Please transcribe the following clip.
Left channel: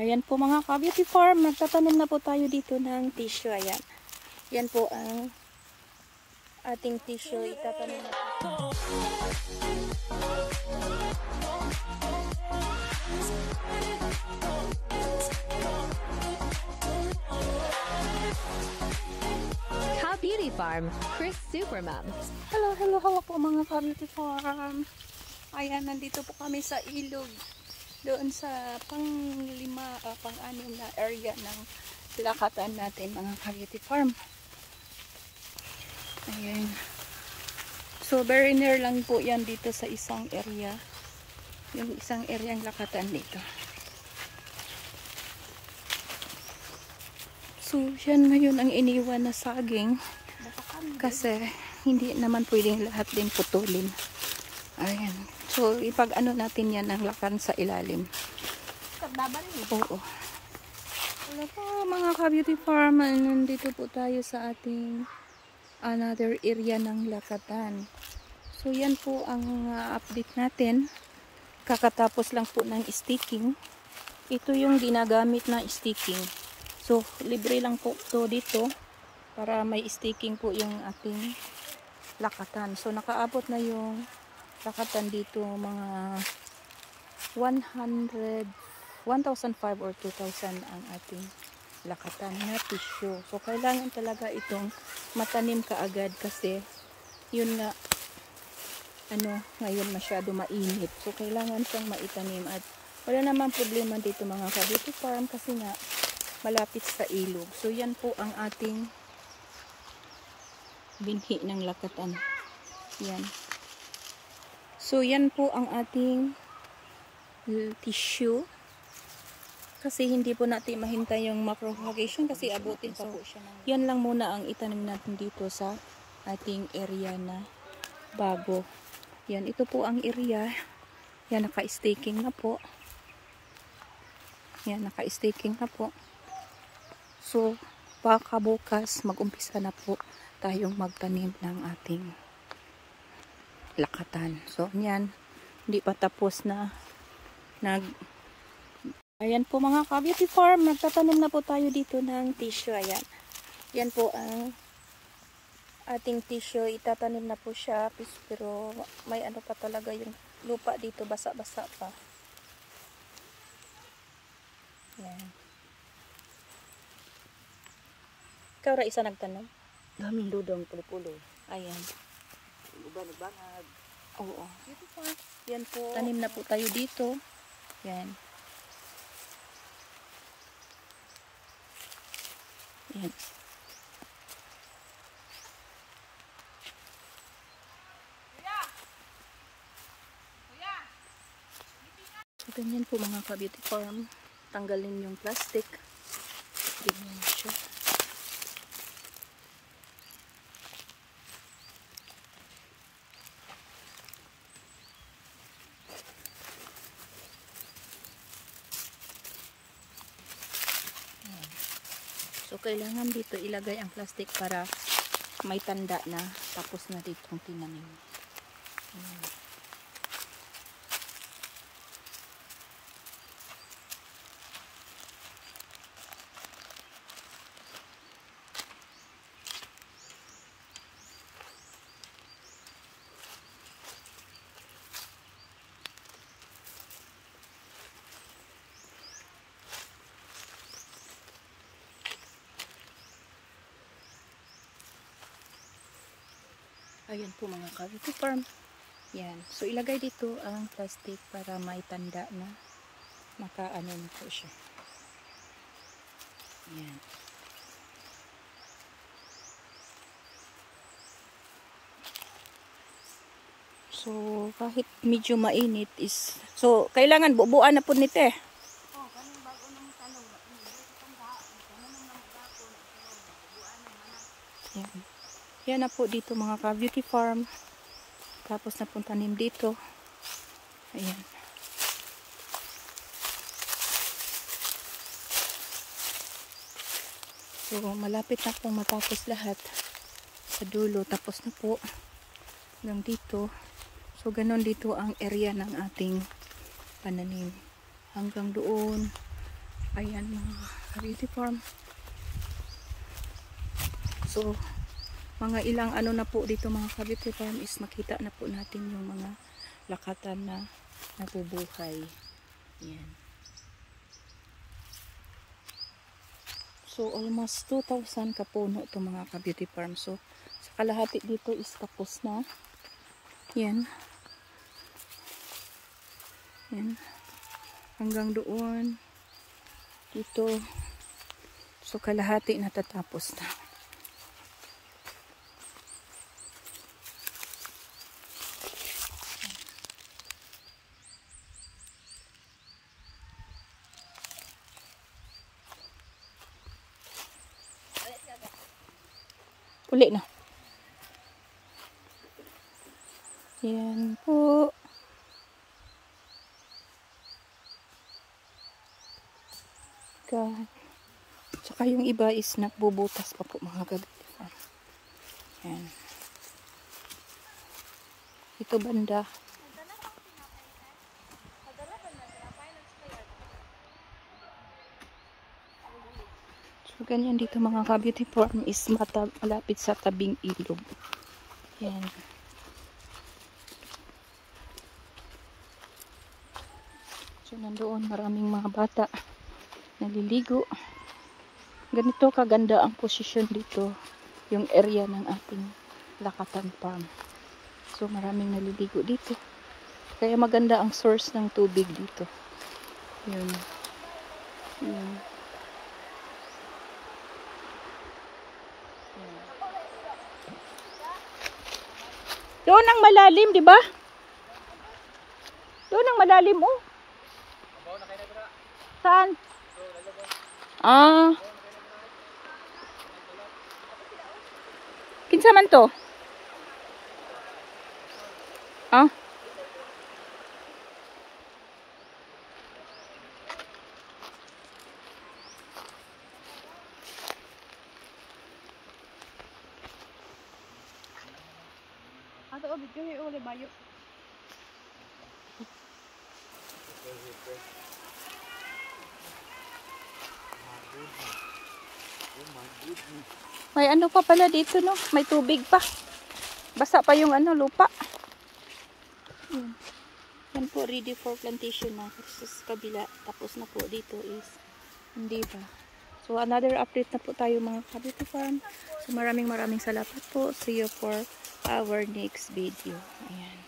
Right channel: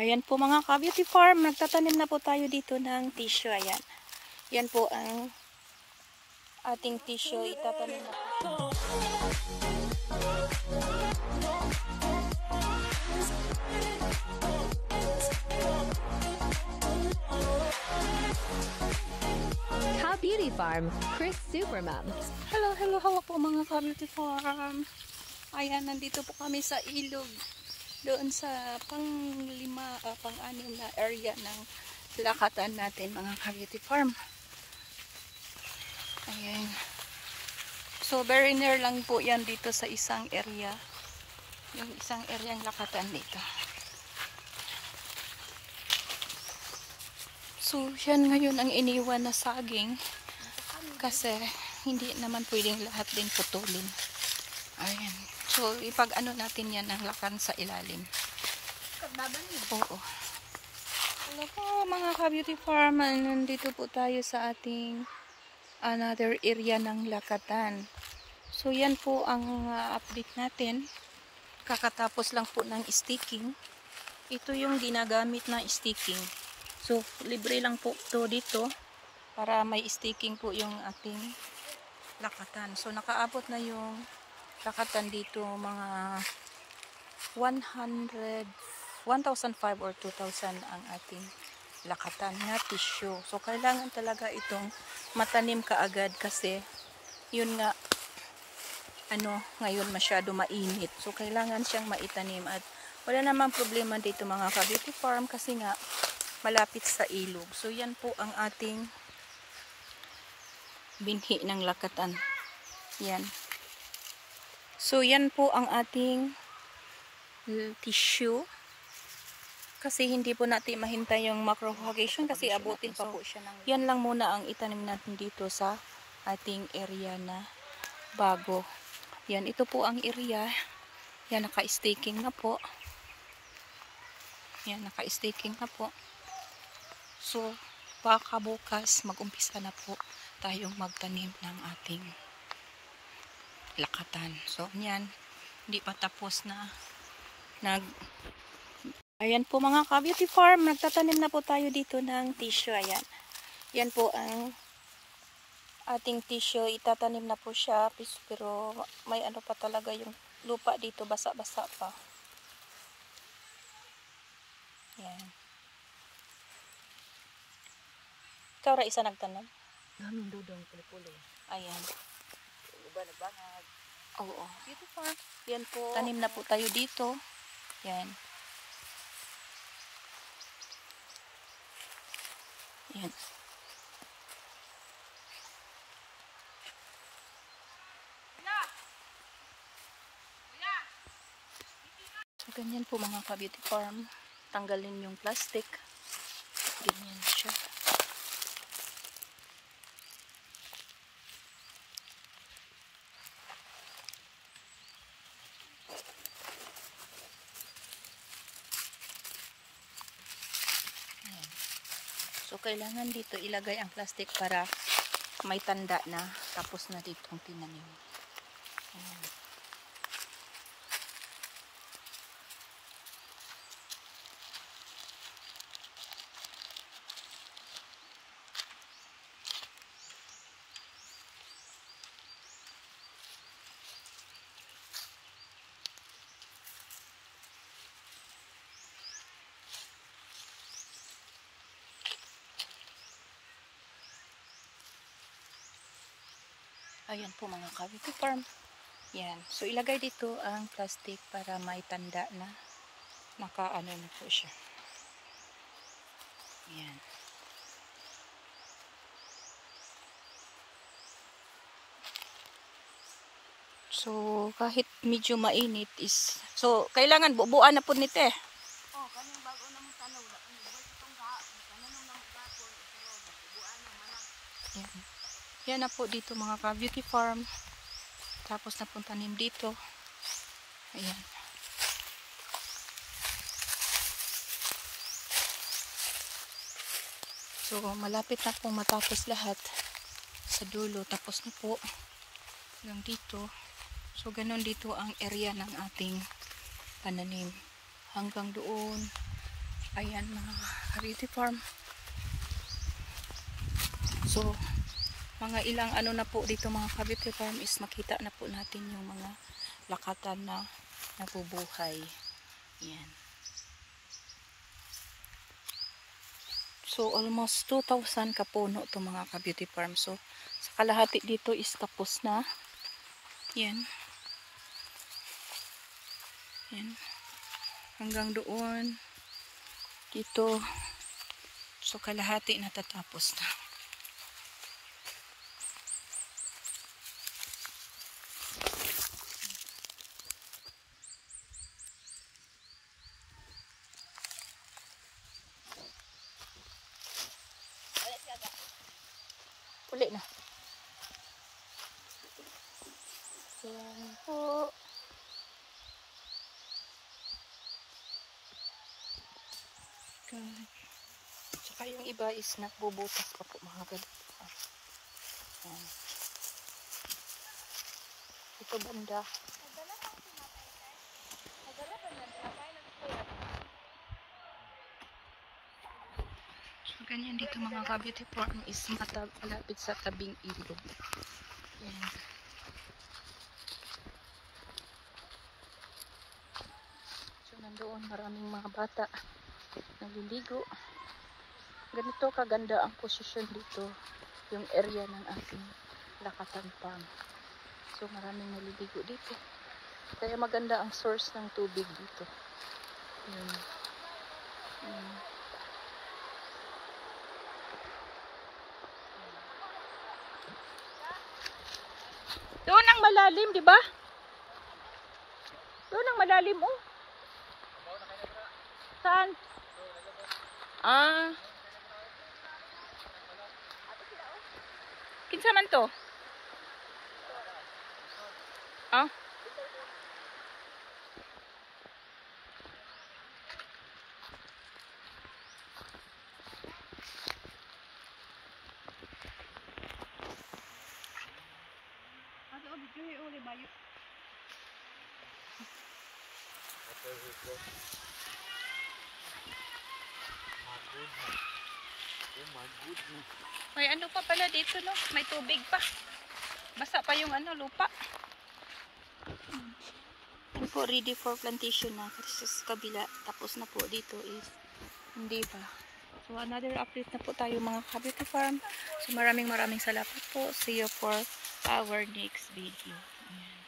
Ayan po mga ka-beauty farm, nagtatanim na po tayo dito ng tissue. Ayan. Yan po ang ating tissue. Itatanim na po. Ka-beauty farm, Chris Supermom. Hello po mga ka-beauty farm. Ayan, nandito po kami sa ilog. Doon sa pang-anim na area ng lakatan natin mga ka-beauty farm. Ayan. So very near lang po yan dito sa isang area. Yung isang area ng lakatan dito. So yan ngayon ang iniwan na saging. Kasi hindi naman pwedeng lahat din putulin. Ayan. So, ipag-ano natin yan ng lakan sa ilalim. Oo. Hello po mga ka-beauty farm. Nandito po tayo sa ating another area ng lakatan. So, yan po ang update natin. Kakatapos lang po ng sticking. Ito yung ginagamit na sticking. So, libre lang po to dito para may sticking po yung ating lakatan. So, nakaabot na yung lakatan dito mga 1,500 or 2,000 ang ating lakatan na tissue. So kailangan talaga itong matanim kaagad kasi yun nga ngayon masyado mainit. So kailangan siyang maitanim at wala namang problema dito mga ka-beauty farm kasi nga malapit sa ilog. So yan po ang ating binhi ng lakatan. Yan. So, yan po ang ating tissue. Kasi hindi po natin mahintay yung macropagation kasi abutin pa po siya. Yan lang muna ang itanim natin dito sa ating area na bago. Yan, ito po ang area. Yan, naka-staking na po. Yan, naka-staking na po. So, baka bukas mag-umpisa na po tayong magtanim ng ating lakatan. So, yan. Hindi pa tapos na ayan po mga ka-beauty farm. Nagtatanim na po tayo dito ng tissue. Ayan. Yan po ang ating tissue. Itatanim na po siya. Pero may ano pa talaga yung lupa dito. Basa-basa pa. Yan. Ikaw ra isa nagtanim? Daming dudong pulo-pulo. Ayan. Banag-banag. Oo. Dito pa. Yan po. Tanim na po tayo dito. Yan. Yan. So, ganyan po mga ka-beauty farm. Tanggalin yung plastic. Ganyan siya. So, kailangan dito ilagay ang plastic para may tanda na tapos na ditong tinanim. Ayan. Ayan po mga ka-beauty farm. Yan. So, ilagay dito ang plastic para may tanda na nakaano na po siya. Yan. So, kahit medyo mainit is... So, kailangan bubuan na po nito eh. Yan. Yan na po dito mga ka-beauty farm. Tapos na pong tanim dito. Ayan. So, malapit na pong matapos lahat sa dulo. Tapos na po hanggang dito. So, ganun dito ang area ng ating pananim. Hanggang doon. Ayan mga ka-beauty farm. So, mga ilang ano na po dito mga ka-beauty farm is makita na po natin yung mga lakatan na nabubuhay. Ayan. So, almost 2,000 kapuno to mga ka-beauty farm. So, sa kalahati dito is tapos na. Yan. Yan. Hanggang doon. Dito. So, kalahati natatapos na. Uli na. Yan po. Saka yung iba is nagbubutas pa po mga kabita. Yan. Ito banda. So ganyan dito mga ka-beauty farm is malapit sa tabing ilog. Yan. So nandoon maraming mga bata naliligo. Ganito kaganda ang posisyon dito, yung area ng ating Lakatan Farm. So maraming naliligo dito. Kaya maganda ang source ng tubig dito. Yun. Yun. Doon ang malalim, di ba? Doon ang malalim, oh. Saan? Ah. Kinsa man to? Ah. Ato obit ko uli bayo. May ano pa pala dito, no? May tubig pa. Basa pa yung ano, lupa. Yan po, ready for plantation na. Kasi sa kabila, tapos na po dito is hindi pa. So, another update na po tayo mga ka-beauty farm. So, maraming salamat po. See you for our next video. Ayan.